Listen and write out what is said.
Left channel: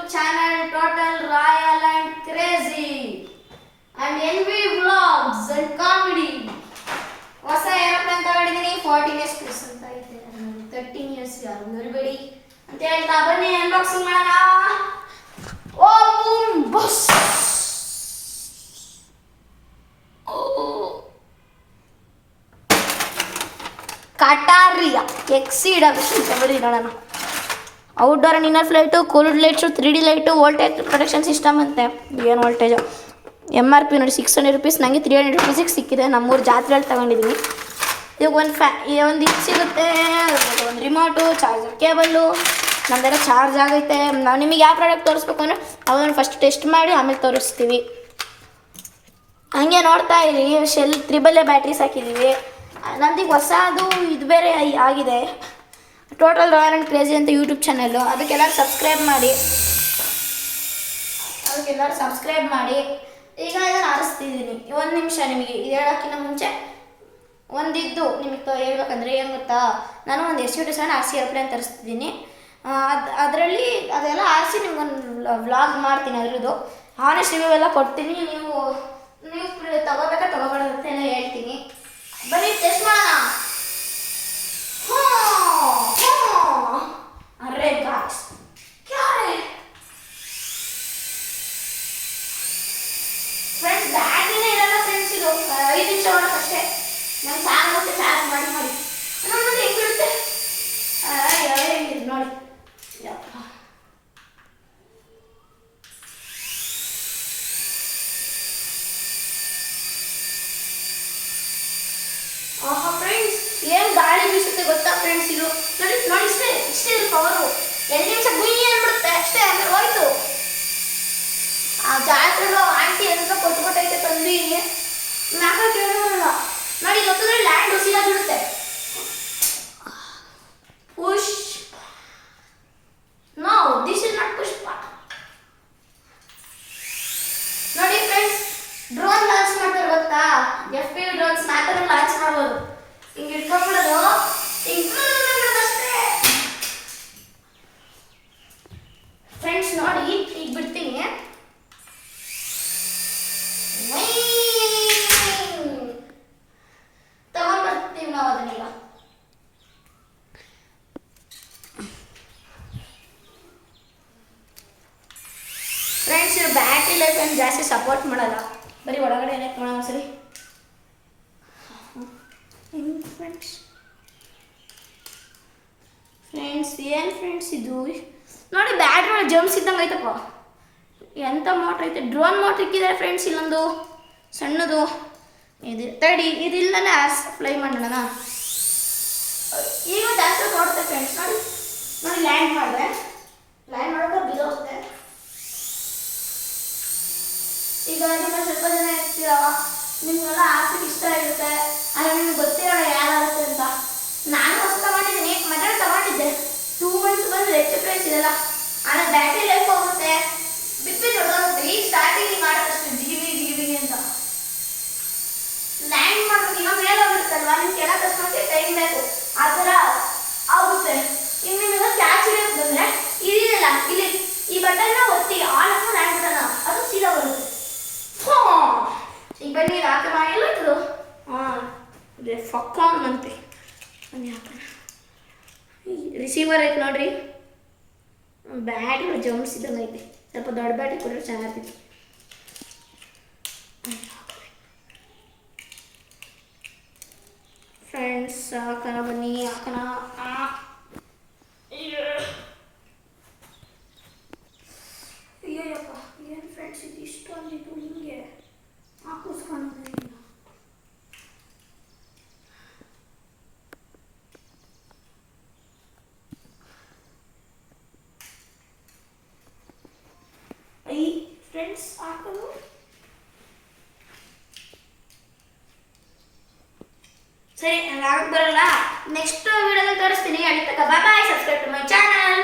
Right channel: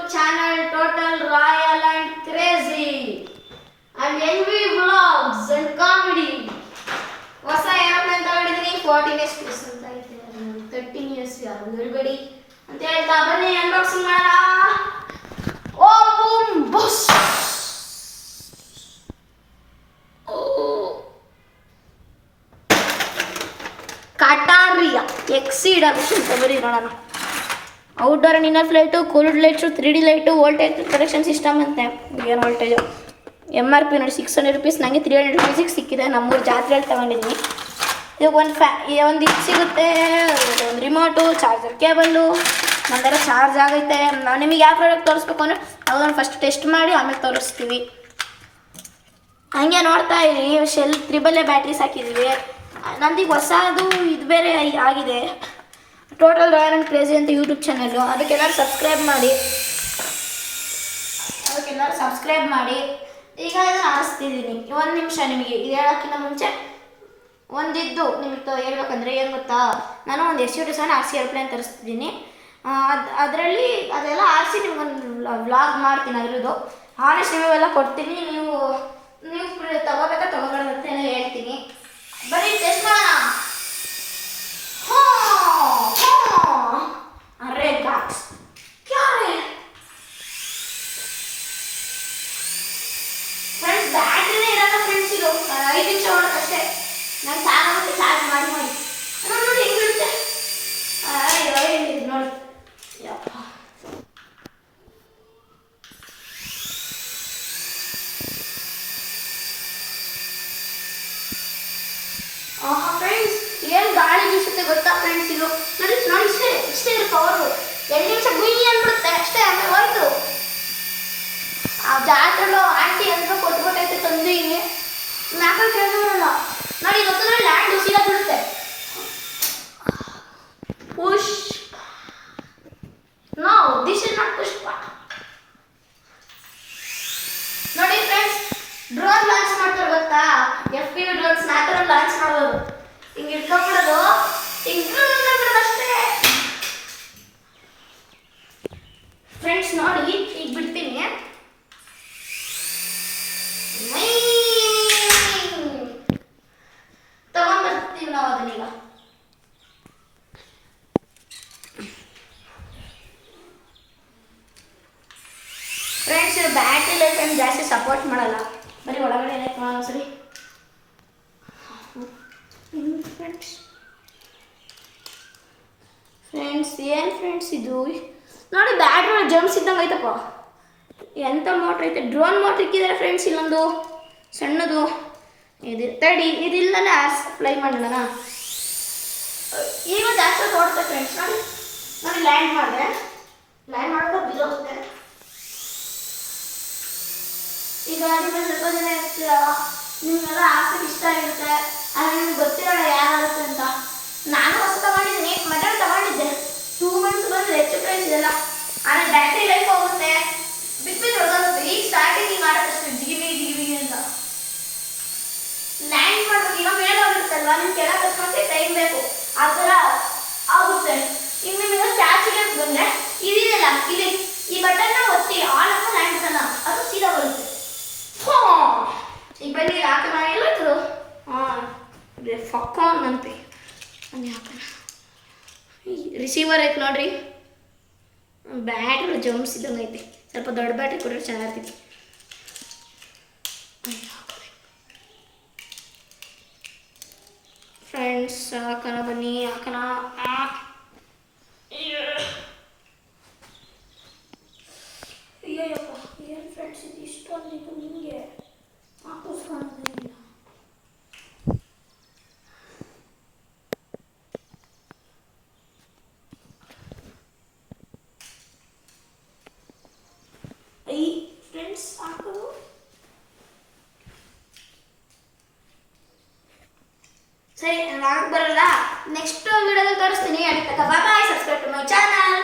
YouTube channel Total Royal and Crazy and NV Vlogs and Comedy. ಹೊಸ aeroplane ತಗೊಂಡಿದ್ದೀನಿ 14 years plus ಅಂತ ಐತೆ 13 years ಯಾರು ನೋಡಬೇಡಿ ಅಂತ ಹೇಳ್ತಾ ಬನ್ನಿ ಅನ್ಬಾಕ್ಸಿಂಗ್ ಮಾಡೋಣ. ಓ ಬೂಮ್ ಬಸ್ ಕಾಟಾರಿಯಾ ಎಕ್ಸೀಡ್ ಆಗುತ್ತೆ ಅಂತ ಬರೀ ನೋಡೋಣ. Outdoor and inner flight, cold lights, 3D light, voltage protection system ಅಂತೆ. ಏನು ವೋಲ್ಟೇಜು MRP ನೋಡಿ 600 rupees, ನನಗೆ 300 rupeesiಗೆ ಸಿಕ್ಕಿದೆ. ನಮ್ಮೂರು ಜಾತ್ರೆಯಲ್ಲಿ ತೊಗೊಂಡಿದ್ದೀನಿ. ಇವಾಗ ಒಂದು ಇದು ಸಿಗುತ್ತೆ, ಒಂದು ರಿಮೋಟು, ಚಾರ್ಜರ್ ಕೇಬಲ್ಲು, ನಮ್ದೆಲ್ಲ ಚಾರ್ಜ್ ಆಗೈತೆ. ನಾವು ನಿಮಗೆ ಯಾವ ಪ್ರಾಡಕ್ಟ್ ತೋರಿಸ್ಬೇಕು ಅಂದರೆ ಅದನ್ನು ಫಸ್ಟ್ ಟೆಸ್ಟ್ ಮಾಡಿ ಆಮೇಲೆ ತೋರಿಸ್ತೀವಿ. ಹಂಗೆ ನೋಡ್ತಾ ಇರಿ, ಶೆಲ್ 3AA ಬ್ಯಾಟ್ರೀಸ್ ಹಾಕಿದ್ದೀವಿ. ನಮ್ದೀಗ ಹೊಸದು ಇದು ಬೇರೆ ಆಗಿದೆ, ಟೋಟಲ್ ರಾಯಲ್ ಆ್ಯಂಡ್ ಕ್ರೇಜಿ ಅಂತ ಯೂಟ್ಯೂಬ್ ಚಾನಲ್ಲು. ಅದಕ್ಕೆಲ್ಲರೂ ಸಬ್ಸ್ಕ್ರೈಬ್ ಮಾಡಿ. ಈಗ ಇದನ್ನು ಆರಿಸ್ತಿದ್ದೀನಿ. ಒಂದು ನಿಮಿಷ, ನಿಮಗೆ ಇದು ಹೇಳೋಕ್ಕಿಂತ ಮುಂಚೆ ಒಂದಿದ್ದು ನಿಮಗೆ ಹೇಳ್ಬೇಕಂದ್ರೆ ಏನು ಗೊತ್ತಾ, ನಾನು ಒಂದು SUV RC ಏರ್ಪ್ಲೇನ್ ತರಿಸ್ತಿದ್ದೀನಿ. ಅದರಲ್ಲಿ ಅದೆಲ್ಲ ಆರಿಸಿ ನಿಮ್ಗೊಂದು ವ್ಲಾಗ್ ಮಾಡ್ತೀನಿ. ಅದರದ್ದು ಹಾನೆಸ್ಟ್ ರಿವ್ಯೂ ಎಲ್ಲ ಕೊಡ್ತೀನಿ. ನೀವು ತಗೋಬೇಕಾ ತಗೋಬಾರ್ದಂತ ಹೇಳ್ತೀನಿ. ಬರೀ ಟೆಸ್ಟ್ ಮಾಡೋಣ. ಅರೆ ಗಾಯ್ಸ್, ಫ್ರೆಂಡ್ಸ್ ಬ್ಯಾಟ್ರಿನೇ ಇರಲ್ಲ ಫ್ರೆಂಡ್ಸ್. ಇದು 5 ನಿಮಿಷ ಮಾಡೋಕ್ಕಷ್ಟೇ. ನಂಗೆ ಸಾಕಾಗುತ್ತೆ ಚಾರ್ಜ್ ಮಾಡಿ ನೋಡಿ ಹೆಂಗಿರುತ್ತೆ. ಹೆಂಗಿದೆ ನೋಡಿ. ಯಪ್ಪ, ಆಹಾ ಫ್ರೆಂಡ್ಸ್, ಏನು ಗಾಳಿ ಬೀಸುತ್ತೆ ಗೊತ್ತಾ ಫ್ರೆಂಡ್ಸ್. ಇದು ನೋಡಿ ಇಷ್ಟೇ ಇದೆ ಪವರು. 2 ನಿಮಿಷ ಗುಯ್ಯಿ ಅಂದ್ಬಿಡುತ್ತೆ ಅಷ್ಟೇ, ಆಮೇಲೆ ಹೋಯ್ತು. ಆ ಜಾತ್ರೆలో ಆಂಟಿ ಅಂತ ಕೊಟ್ಬಿಟ್ಟೈತೆ ತಂದೀನಿ. ಮ್ಯಾಕ ಕೇಳೋಲ್ಲ ನೋಡಿ, ಗೊತ್ತಿಲ್ಲ ಲ್ಯಾಂಡ್ ಸೀದಾ ಬಿಡುತ್ತೆ. Push, no this is not push part. ನೋಡಿ ಫ್ರೆಂಡ್ಸ್, ಡ್ರೋನ್ ಲಾಂಚ್ ಮಾಡ್ತಾರೆ ಗೊತ್ತಾ, FPV ಡ್ರೋನ್ಸ್ ಆ ಥರ ಲಾಂಚ್ ಮಾಡ್ಬೋದು. ಹಿಂಗೆ ಇಟ್ಕೊಂಡ್ಬಿಡೋದು, ಹಿಂಗೆ ಅಷ್ಟೇ ಫ್ರೆಂಡ್ಸ್. ನೋಡಿ ಈಗ ಬಿಡ್ತೀನಿ. ತಗೊಂಡ್ಬರ್ತೀವಿ ನಾವು ಅದನ್ನೀಗ. ಫ್ರೆಂಡ್ಸ್, ಇದು ಬ್ಯಾಟ್ರಿ ಲೈಫ್ ಏನು ಜಾಸ್ತಿ ಸಪೋರ್ಟ್ ಮಾಡಲ್ಲ, ಬರೀ ಒಳಗಡೆ ಲೈಕ್ ಮಾಡೋಣ ಸರಿ. ಫ್ರೆಂಡ್ಸ್ ಏನು ಫ್ರೆಂಡ್ಸ್ ಇದು ನೋಡಿ, ಬ್ಯಾಟ್ರಿ ಜಂಪ್ಸ್ ಇದ್ದಂಗೆ ಐತಪ್ಪ. ಎಂಥ ಮೋಟ್ರ್ ಐತೆ, ಡ್ರೋನ್ ಮೋಟ್ರ್ ಇಕ್ಕಿದ್ದಾರೆ ಫ್ರೆಂಡ್ಸ್. ಇಲ್ಲೊಂದು ಸಣ್ಣದು ಇದು ತಡಿ, ಇದಿಲ್ಲನೇ ಫ್ಲೈ ಮಾಡೋಣ. ಈಗ ಜಾಸ್ತಿ ನೋಡುತ್ತೆ ಫ್ರೆಂಡ್ಸ್. ನೋಡಿ ಲ್ಯಾಂಡ್ ಮಾಡೋದು ಬಿದ್ದೋಗುತ್ತೆ. ಈಗ ನಿಮಗೆ ಸ್ವಲ್ಪ ಜನ ಇರ್ತೀರ, ನಿಮಗೆಲ್ಲ ಆಸಕ್ತಿ ಇಷ್ಟ ಇರುತ್ತೆ, ಆದರೆ ನಿಮ್ಗೆ ಗೊತ್ತಿರೋಣ ಯಾರಾಗುತ್ತೆ ಅಂತ. ನಾನು ಹೊಸ ತಗೊಂಡಿದ್ದೀನಿ, ಮೊದಲು ತಗೊಂಡಿದ್ದೆ 2 months ಬಂದು ಹೆಚ್ಚು ಪ್ರೈಸ್ ಇದೆಲ್ಲ. ಆದರೆ ಬ್ಯಾಟ್ರಿ ಲೈಫ್ ಹೋಗುತ್ತೆ, ಬಿಟ್ಟು ಹೊಡೆದೋಗುತ್ತೆ. ಈಗ ಸ್ಟಾರ್ಟಿಂಗ್ ಹಿಂಗೆ ಆಡೋದಷ್ಟು ಜಿಗಿಬಿ ಅಂತ. ಲ್ಯಾಂಡ್ ಮಾಡೋದು ಈಗ ಮೇಲೆ ಹೋಗಿರುತ್ತಲ್ವ, ನೀವು ಕೆಳಗೆ ಕಸ್ಕೊಂಡ್ರೆ ಟೈಮ್ ಬೇಕು, ಆ ಥರ ಆಗುತ್ತೆ. ಈಗ ನಿಮಗೆ ಕ್ಯಾಚಿಗೆ ಬಂದರೆ ಇದಿದೆಯಲ್ಲ, ಇಲ್ಲಿ ಈ ಬಟನ್ನ ಒತ್ತಿ ಆನ್ ಅಂತ ಲ್ಯಾಂಡ್ ಬಟನ್ನ, ಅದು ಸೀದಾ ಬರುತ್ತೆ. ಈಗ ಬನ್ನಿ ಹಾಕೋಣ. ಎಲ್ಲದು ಫಾನ್ ಅಂತೆ ಬನ್ನಿ ಹಾಕೋಣ. ರಿಸೀವರ್ ಐತೆ ನೋಡ್ರಿ, ಬ್ಯಾಟ್ರಿ ಜಂಪ್ಸ್ ಇದ್ದಂಗೆ ಐತಿ. ಸ್ವಲ್ಪ ದೊಡ್ಡ ಬ್ಯಾಟ್ರಿ ಕೊಟ್ಟರೆ ಚೆನ್ನಾಗಿರ್ತೈತಿ. ಫ್ರೆಂಡ್ಸ್ ಹಾಕೋಣ ಬನ್ನಿ, ಹಾಕೋಣ. ಅಯ್ಯಪ್ಪ, ಏನು ಫ್ರೆಂಡ್ಸ್ ಇದು ಇಷ್ಟು ಅಂದಿದ್ದು ನಿಮಗೆ ಹಾಕಿಸ್ಕೊಳ್ಳೋದಿಲ್ಲ. ಫ್ರೆಂಡ್ಸ್ ಹಾಕೋದು ಸರಿ, ನನಗೆ ಬರಲ್ಲ. ನೆಕ್ಸ್ಟ್ ವಿಡಿಯೋದಲ್ಲಿ ತೋರಿಸ್ತೀನಿ. ಅಡಿತಕ್ಕ bye. Subscribe to my channel.